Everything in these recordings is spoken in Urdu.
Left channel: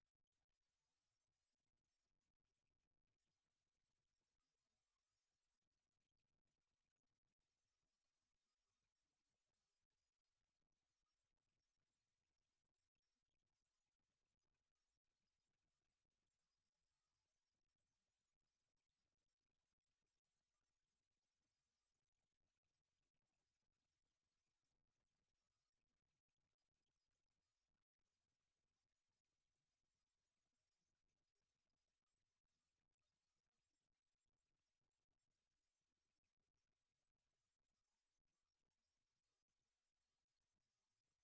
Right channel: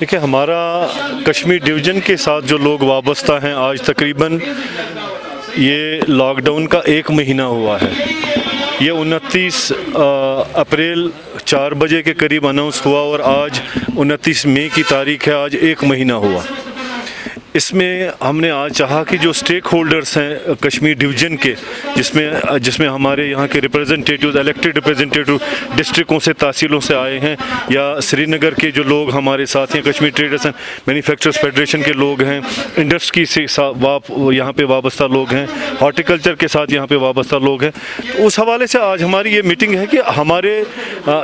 دیکھیں، ہمارا کشمیر ڈویژن کے ساتھ جو لوگ وابستہ ہیں آج تقریباً یہ لاک ڈاؤن کا 1 مہینہ ہوا ہے۔ یہ 29 اپریل 4 بجے کے قریب اناؤنس ہوا اور آج 29 مئی کی تاریخ ہے، آج 1 مہینہ ہوا۔ اس میں ہم نے آج چاہا کہ جو سٹیک ہولڈرز ہیں کشمیر ڈویژن کے، جس میں ہمارے یہاں کے ریپرزنٹیٹیوز، الیکٹڈ ریپرزنٹیٹیو ڈسٹرکوں سے، تحصیلوں سے آئے ہیں، یا سری نگر کے جو لوگ ہمارے ساتھ ہیں، Kashmir traders and manufacturers federation کے لوگ ہیں، انڈسٹری سے یہاں پہ وابستہ لوگ ہیں، ہارٹیکلچر کے ساتھ یہاں پہ وابستہ لوگ ہیں۔ تو اس حوالے سے آج ہماری یہ میٹنگ ہے کہ ہمارے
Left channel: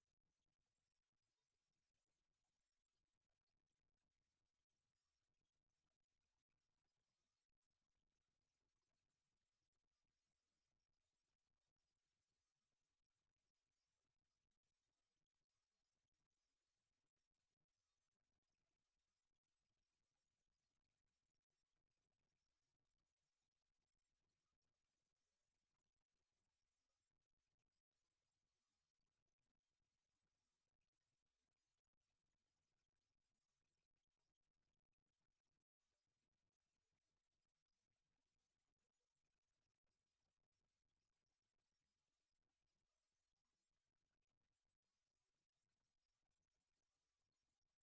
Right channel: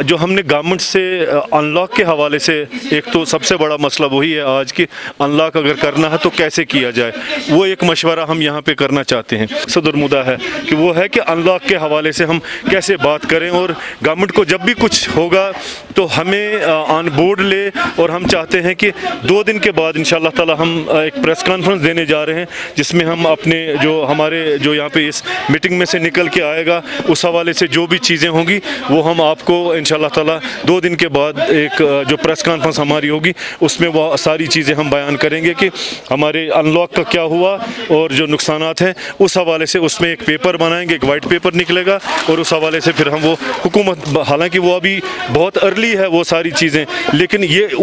جو ہم نے گورنمنٹ سے ان لاک کے حوالے سے، ایک تو سب سے بڑا مسئلہ وہی ہے آج کہ ان لاک اگر کرنا ہے تو کیسے کیا جائے، وہ ایک مشورہ ہم یہاں پہ کرنا چاہتے ہیں۔ صدر مدعا ہے کہ وہ ہے کہ ان لاک کے حوالے سے ہم کیسے بات کریں، اور گورنمنٹ کو جب بھی کچھ ہوگا تو ہمیں آن بورڈ لے، اور ہم چاہتے ہیں کہ 2 دن کے بعد انشاءاللہ تعالی ہم ایک پریس کانفرنس دینے جا رہے ہیں، جس میں ہم اپنے جو یہاں پہ اس میٹنگ میں سے نکل کے آئے گا، اس حوالے سے جو بھی چیزیں ہوں گی وہ ہم آپ کو انشاءاللہ تعالی 2 دن کے بعد ایک جو پریس کانفرنس ہماری ہوگی اس میں وہ ساری چیزیں ہم بیان کریں گے کہ ہمارے ان لاک کا کیا ہوا اور جو نقصانات ہیں اس حوالے سے۔ اس میں ایک پیپر بنائیں گے، ایک وائٹ پیپر نکلے گا، اور اس حوالے سے پھر ہم وہ حکومت، حالانکہ وہ ابھی بہت ارلی ہے وہ ساری چیزیں، لیکن یہ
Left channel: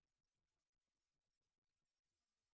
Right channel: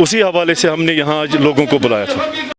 اسی حوالے سے ہم نے یہاں آج لوگوں کو بلایا تھا۔